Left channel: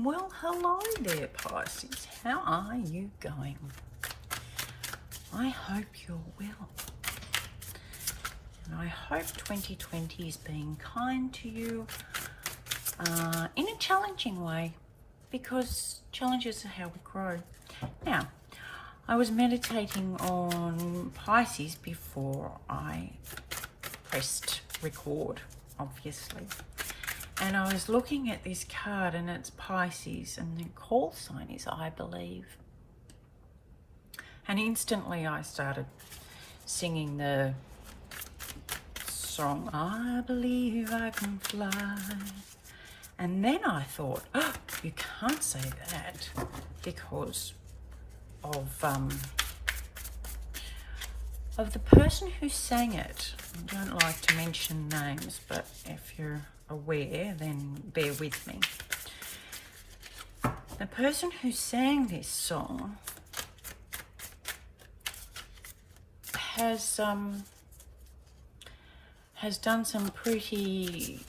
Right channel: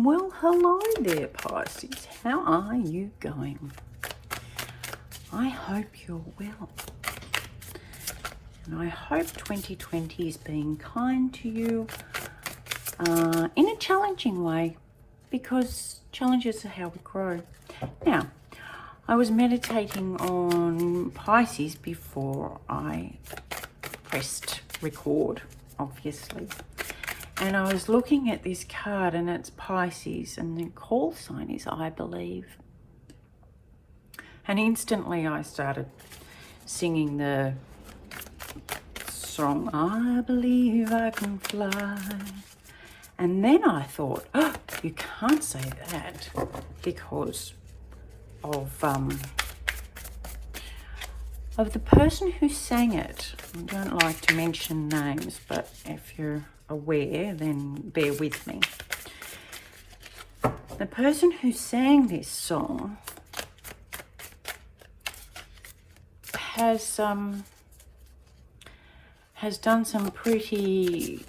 Well, hello there, Pisces. How are you going? I hope you're well. And I hope 2020 is being kind to you in a challenging way, because challenges are how we grow. Now, I was meditating on Pisces before I pressed record, obviously. And I was looking at this card, and it's Pisces, and the call sign is I believe. And instantly I started singing the song, I believe I can fly. And then I thought, oh, you can't say that because of the person who sang it. I don't like to mention names, but if you're aware, then bear with me. The person who sang this song has done some pretty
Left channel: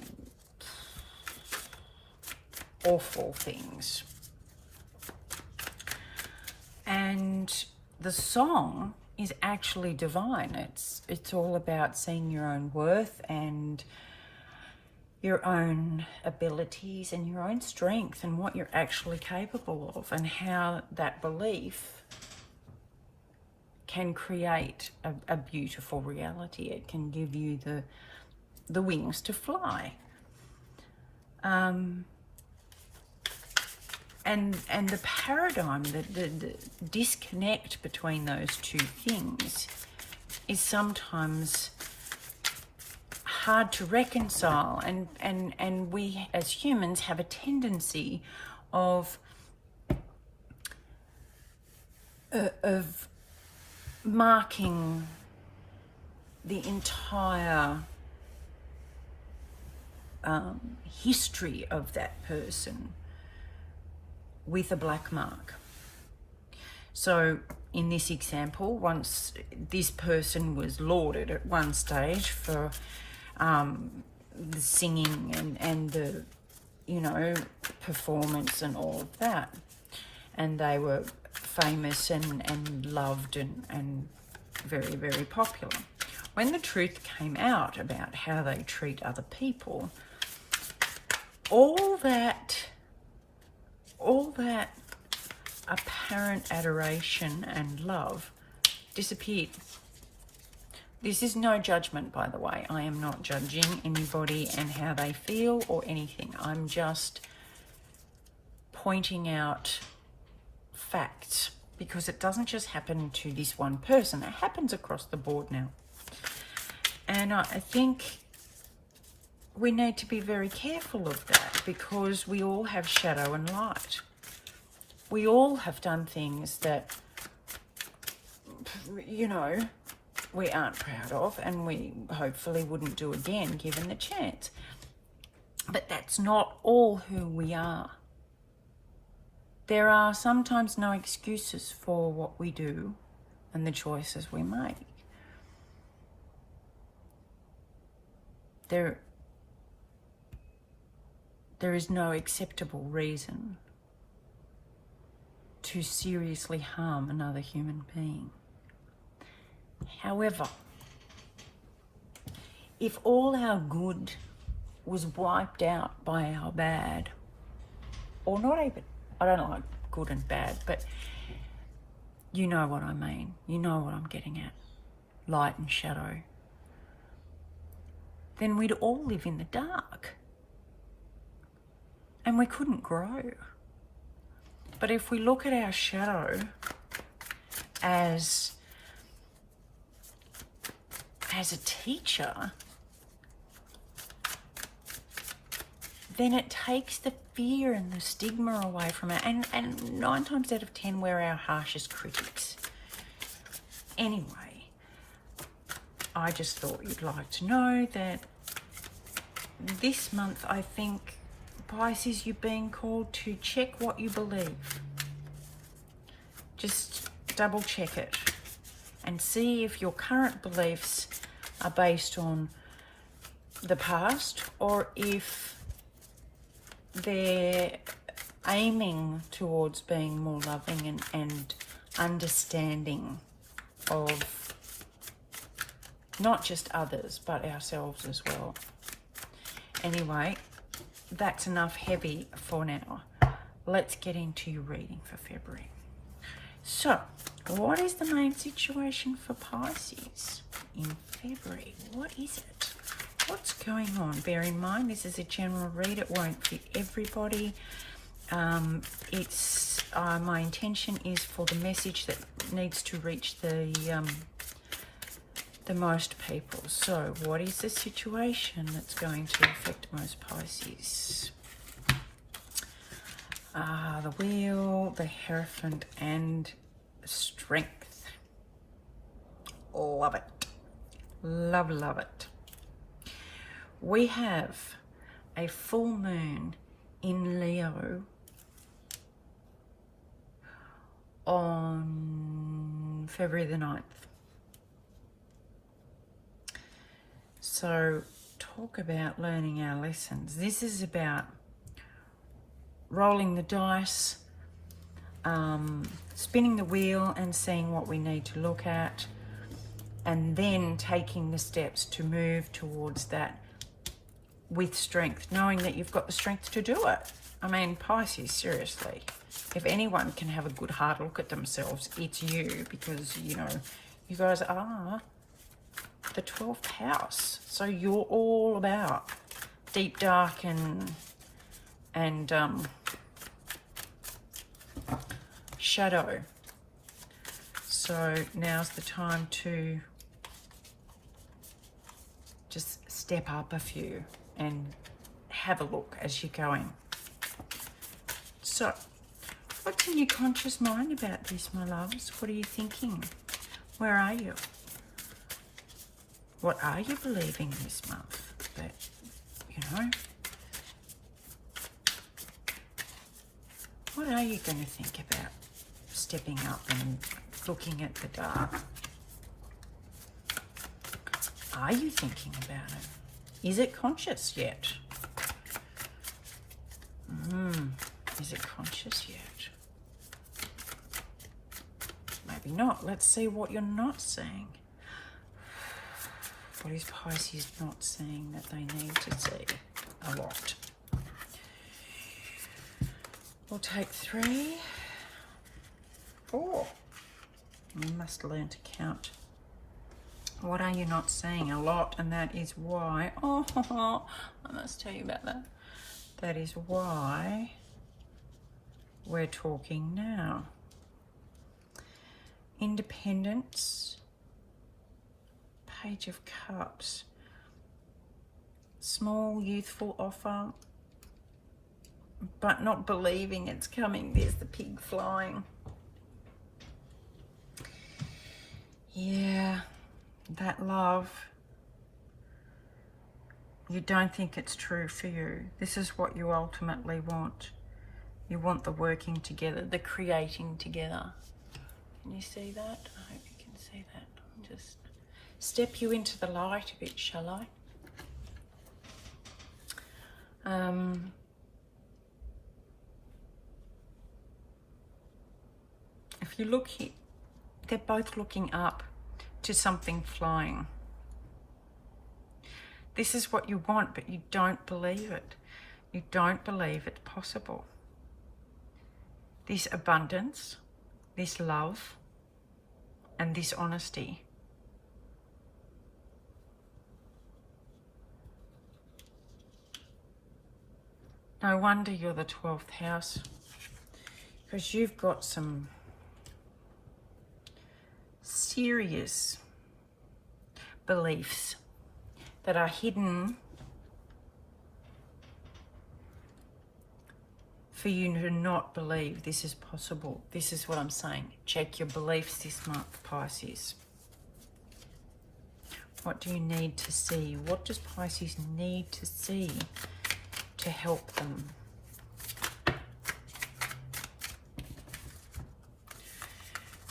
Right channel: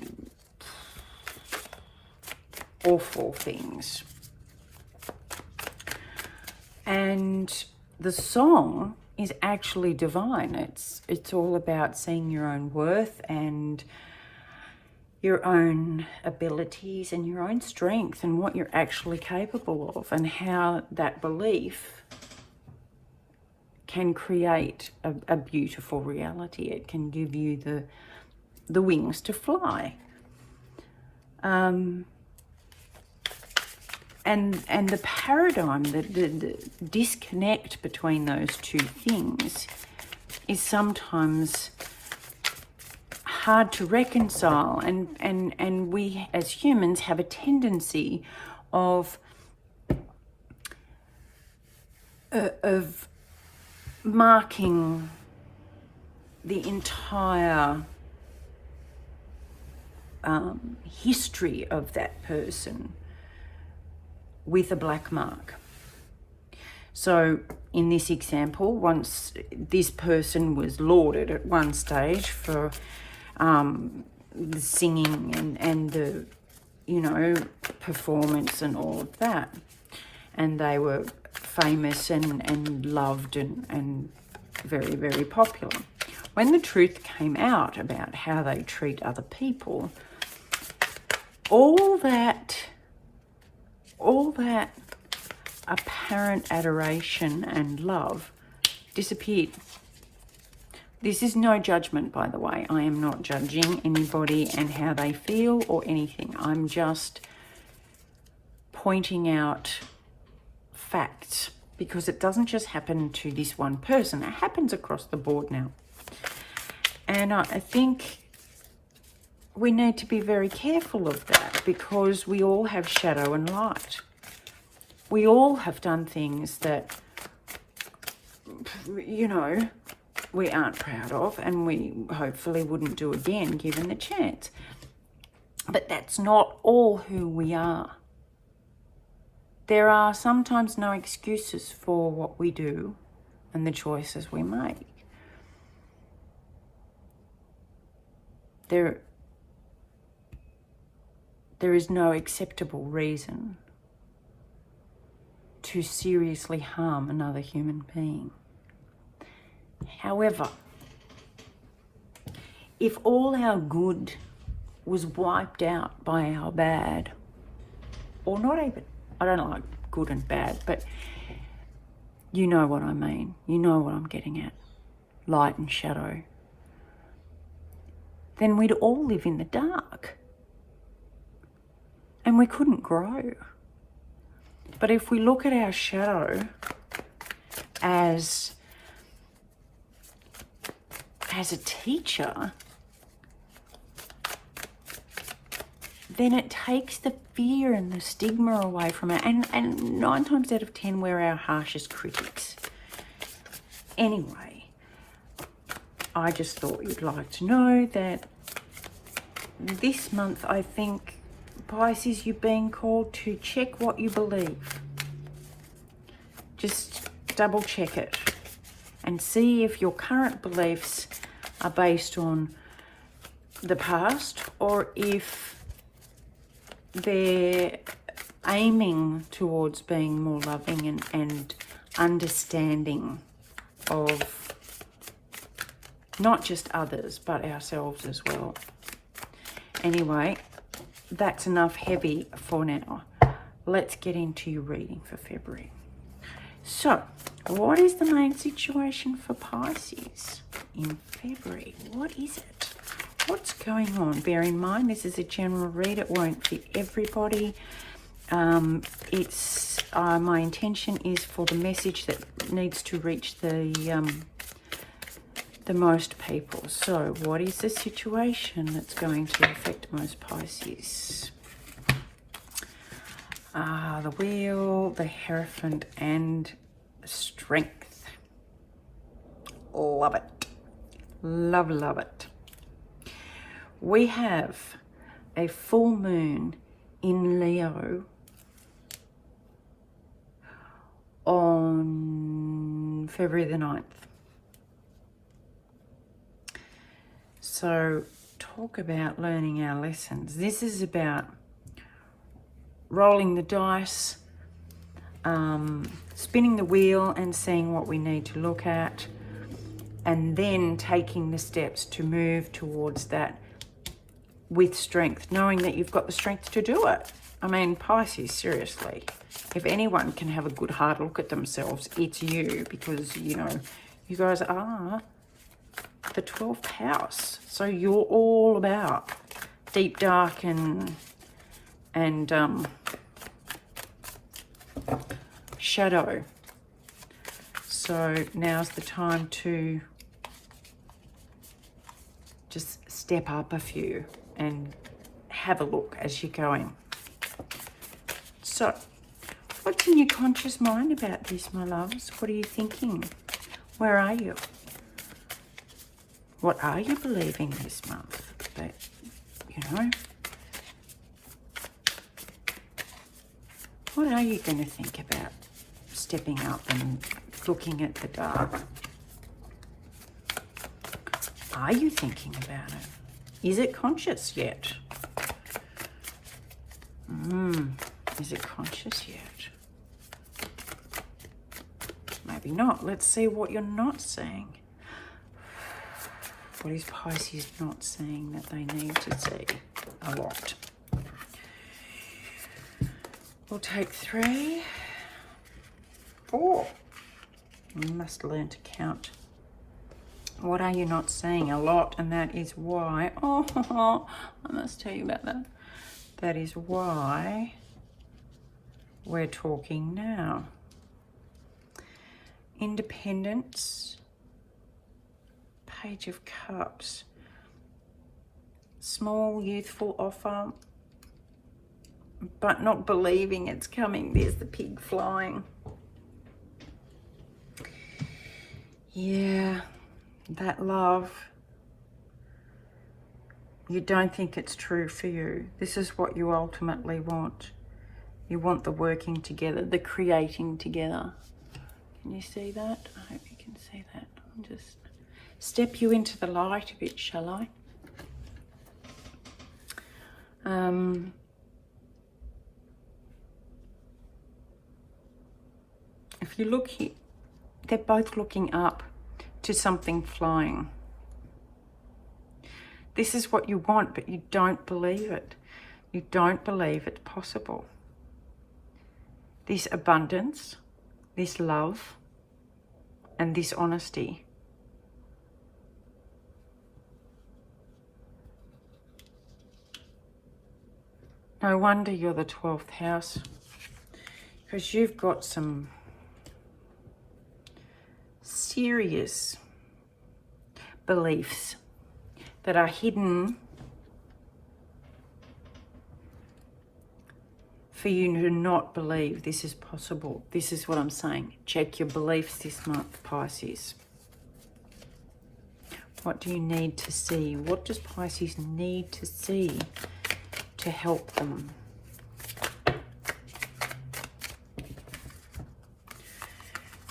awful things. And the song is actually divine. It's all about seeing your own worth and your own abilities and your own strength and what you're actually capable of, and how that belief can create a beautiful reality. It can give you the wings to fly. And the paradigm, the disconnect between those two things is sometimes hard to reconcile, and we as humans have a tendency of marking the entire history of that person with a black mark. So in this example, once this person was lauded at one stage for the singing and the, performance and all of that, and they were famous and loved and very, very popular. When the truth came out about how they treat other people, all that apparent adoration and love disappeared. This is no judgment, by the way. I am not judging anybody and how they feel or anything. I'm just pointing out facts, because it doesn't just happen to this one person. It happens across the board now. And I think we need to be very careful of that, because we all have shadow and light. We all have done things that, we aren't proud of, and we hopefully wouldn't do again given the chance. But that's not all who we are. There are sometimes no excuses for what we do and the choices we make. There is no acceptable reason to seriously harm another human being. However, if all our good was wiped out by our bad, or not even, I don't like good and bad, but you know what I mean. You know what I'm getting at. Light and shadow. Then we'd all live in the dark. And we couldn't grow. But if we look at our shadow as a teacher, then it takes the fear and the stigma away from it. And 9 times out of 10, we're our harshest critics. Anyway, I just thought you'd like to know that this month, I think, Pisces, you're being called to check what you believe. Just double check it and see if your current beliefs are based on the past, or if they're aiming towards being more loving and understanding of not just others, but ourselves as well. Anyway, that's enough heavy for now. Let's get into your reading for February. So, what is the main situation for Pisces in February? What is it? What's going on? Bear in mind, this is a general read. It won't fit everybody. My intention is for the message that needs to reach the most people. So, what is the situation that's going to affect most Pisces? The Wheel, the Hierophant, and Strength. Love it. Love, love it. We have a full moon in Leo on February the 9th. So, talk about learning our lessons. This is about rolling the dice, spinning the wheel and seeing what we need to look at, and then taking the steps to move towards that with strength, knowing that you've got the strength to do it. I mean, Pisces, seriously, if anyone can have a good hard look at themselves, it's you, because, you know, you guys are the 12th house. So you're all about deep, dark, and shadow. So now's the time to just step up a few and have a look as you're going. So, what's in your conscious mind about this, my loves? What are you thinking? Where are you? What are you believing this month? That, you know, what are you going to think about stepping up and looking at the dark? Are you thinking about it? Is it conscious yet? Is it conscious yet? Maybe not. Let's see what you're not seeing. What is Pisces not seeing that they need to see? A lot. We'll take 3, 4. You must learn to count. What are you not seeing? A lot, and that is why. Oh, I must tell you about that. That is why we're talking now. Independence. Page of Cups. Small, youthful offer, but not believing it's coming. There's the pig flying. Yeah, that love. You don't think it's true for you. This is what you ultimately want. You want the working together, the creating together. Can you see that? I hope you can see that. I'll just step you into the light a bit, shall I? If you look here, they're both looking up to something flying. This is what you want, but you don't believe it. You don't believe it's possible. This abundance, this love, and this honesty. No wonder you're the 12th house, because you've got some serious beliefs that are hidden for you to not believe this is possible. This is what I'm saying. Check your beliefs this month, Pisces. What do you need to see? What does Pisces need to see to help them?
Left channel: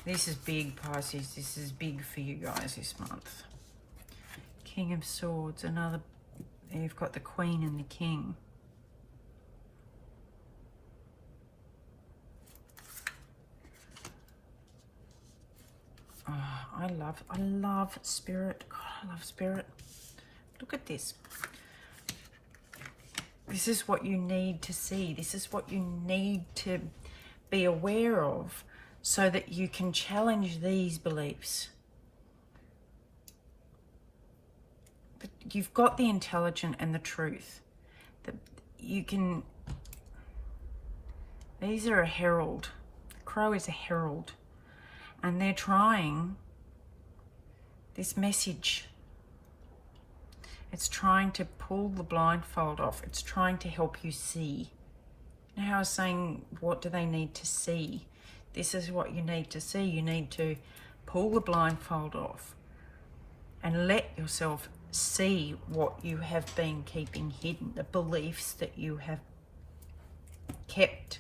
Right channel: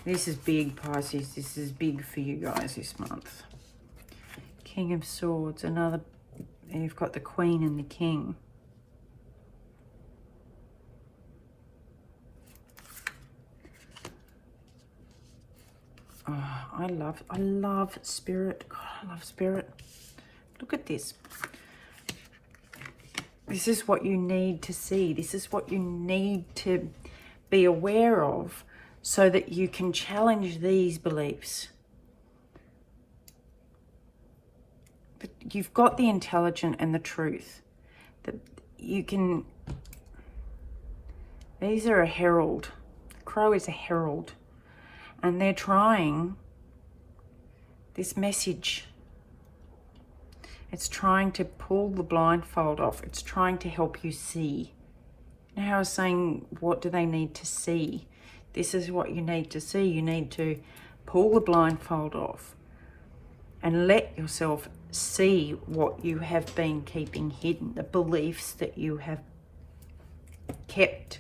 This is big, Pisces. This is big for you guys this month. King of Swords, another, you've got the Queen and the King. I love spirit. God, I love spirit. Look at this. This is what you need to see. This is what you need to be aware of so that you can challenge these beliefs. But you've got the intelligence and the truth. That you can... These are a herald. Crow is a herald. And they're trying this message. It's trying to pull the blindfold off. It's trying to help you see. Now I was saying, what do they need to see? This is what you need to see. You need to pull the blindfold off and let yourself see what you have been keeping hidden, the beliefs that you have kept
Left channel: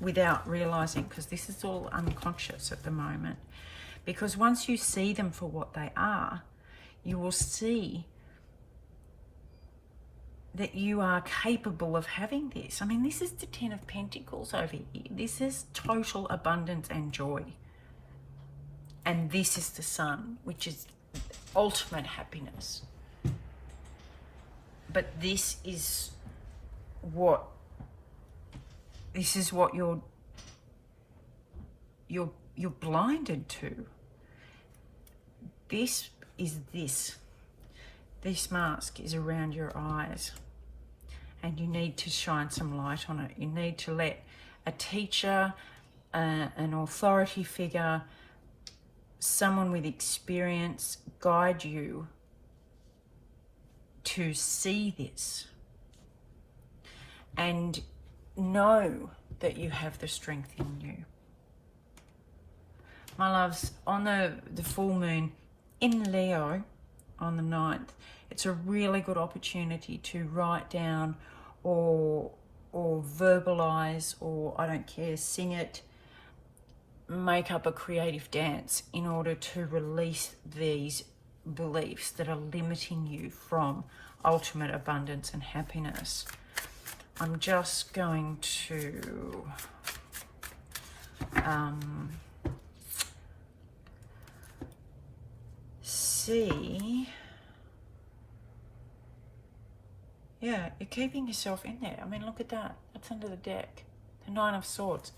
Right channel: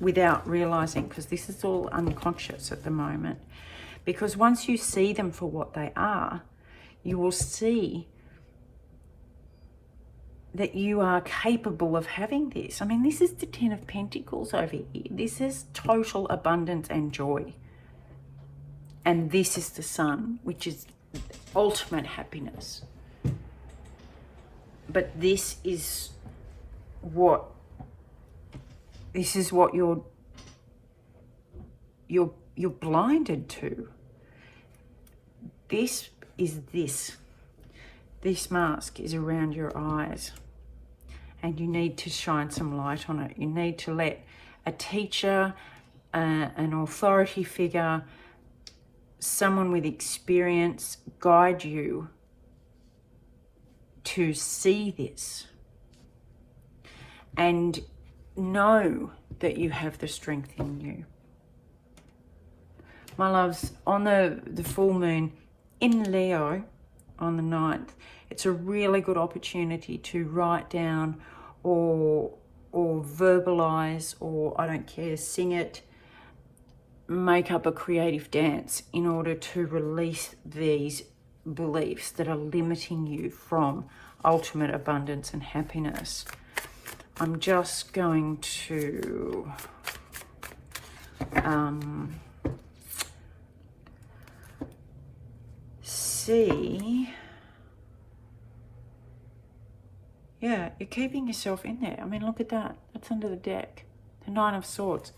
without realizing, because this is all unconscious at the moment. Because once you see them for what they are, you will see that you are capable of having this. I mean, this is the Ten of Pentacles over here. This is total abundance and joy. And this is the Sun, which is ultimate happiness. But this is what you're blinded to. This mask is around your eyes, and you need to shine some light on it. You need to let a teacher, an authority figure, someone with experience guide you to see this and know that you have the strength in you. My loves, on the full moon in Leo on the 9th, it's a really good opportunity to write down or verbalize, or I don't care, sing it, make up a creative dance in order to release these beliefs that are limiting you from ultimate abundance and happiness. I'm just going to see. Yeah, you're keeping yourself in there. I mean, look at that. That's under the deck. The Nine of Swords.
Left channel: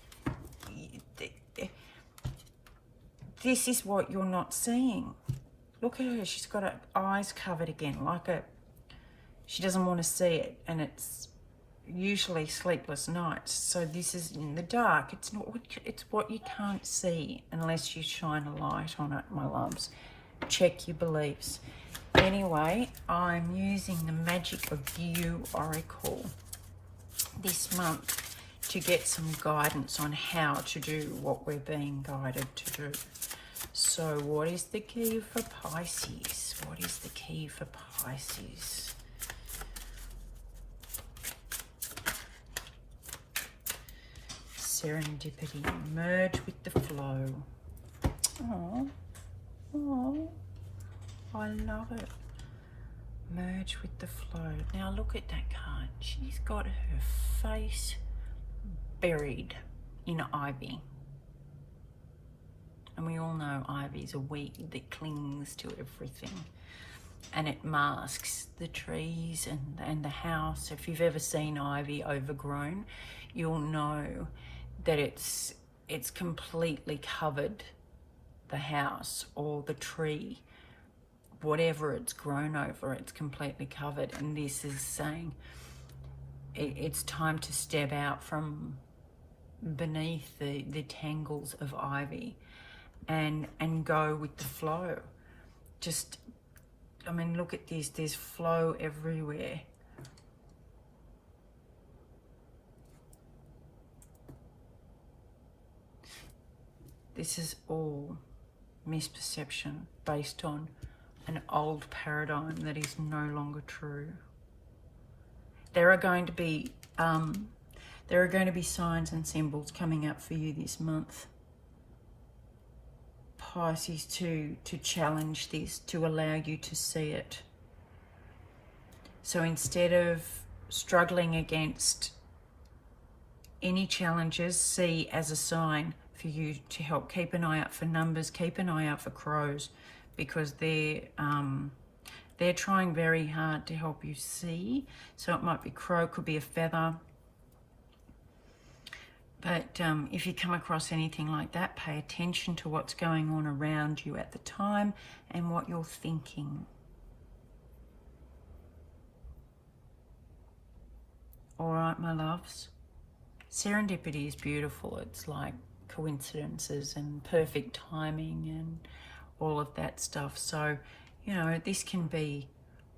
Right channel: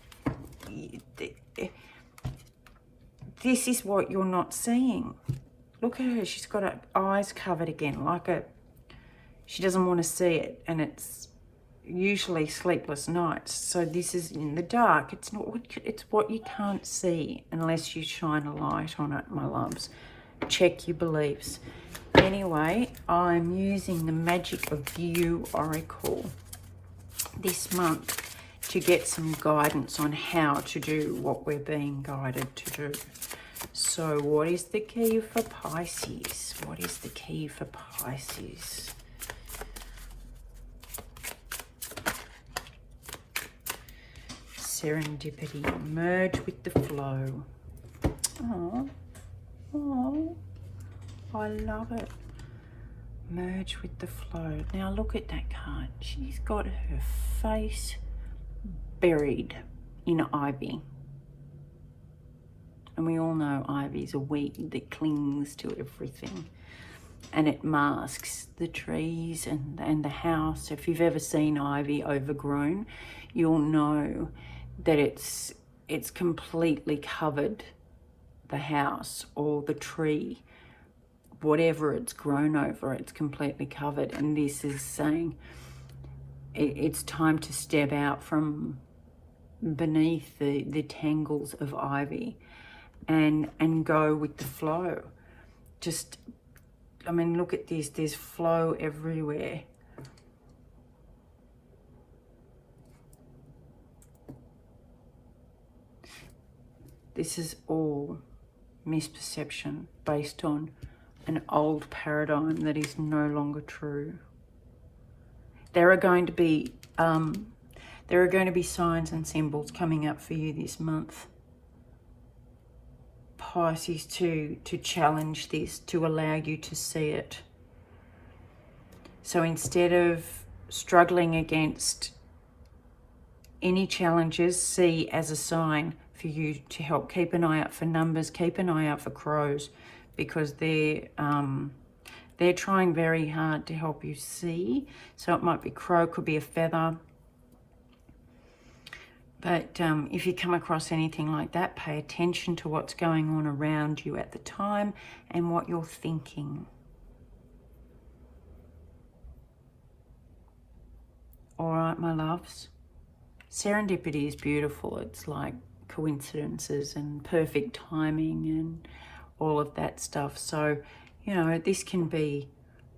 This is what you're not seeing. Look at her. She's got her eyes covered again, she doesn't want to see it, and it's usually sleepless nights. So this is in the dark. It's what you can't see unless you shine a light on it, my loves. Check your beliefs. Anyway, I'm using the Magick of You Oracle this month to get some guidance on how to do what we're being guided to do. So what is the key for Pisces? What is the key for Pisces? Serendipity. Merge with the flow. Oh. Oh, I love it. Merge with the flow. Now look at that card. She's got her face buried in ivy. And we all know ivy is a weed that clings to everything. And it masks the trees and the house. If you've ever seen ivy overgrown, you'll know that it's completely covered the house or the tree, whatever it's grown over, it's completely covered. And this is saying it's time to step out from beneath the tangles of ivy and go with the flow. Just, I mean, look at this, there's flow everywhere. This is all misperception based on an old paradigm that is no longer true. There are going to be signs and symbols coming up for you this month, Pisces, to challenge this, to allow you to see it. So instead of struggling against any challenges, see as a sign, for you to help. Keep an eye out for numbers, keep an eye out for crows, because they're trying very hard to help you see. So it might be crow, could be a feather. But if you come across anything like that, pay attention to what's going on around you at the time and what you're thinking. All right, my loves. Serendipity is beautiful. It's like coincidences and perfect timing and all of that stuff. So, you know, this can be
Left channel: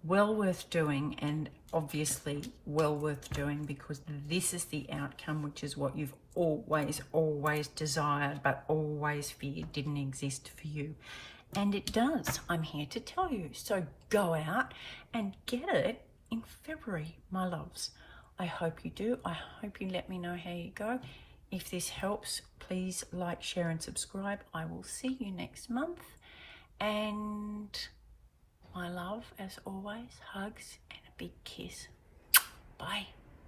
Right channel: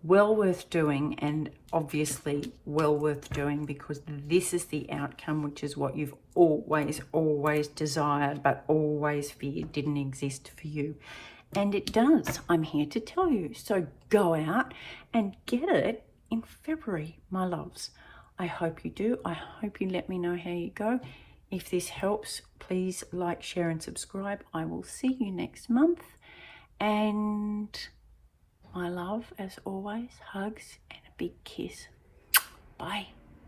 well worth doing, and obviously well worth doing, because this is the outcome, which is what you've always desired, but always feared didn't exist for you. And it does. I'm here to tell you. So go out and get it in February, my loves. I hope you do. I hope you let me know how you go. If this helps, please like, share, and subscribe. I will see you next month. And my love, as always, hugs and a big kiss. Bye.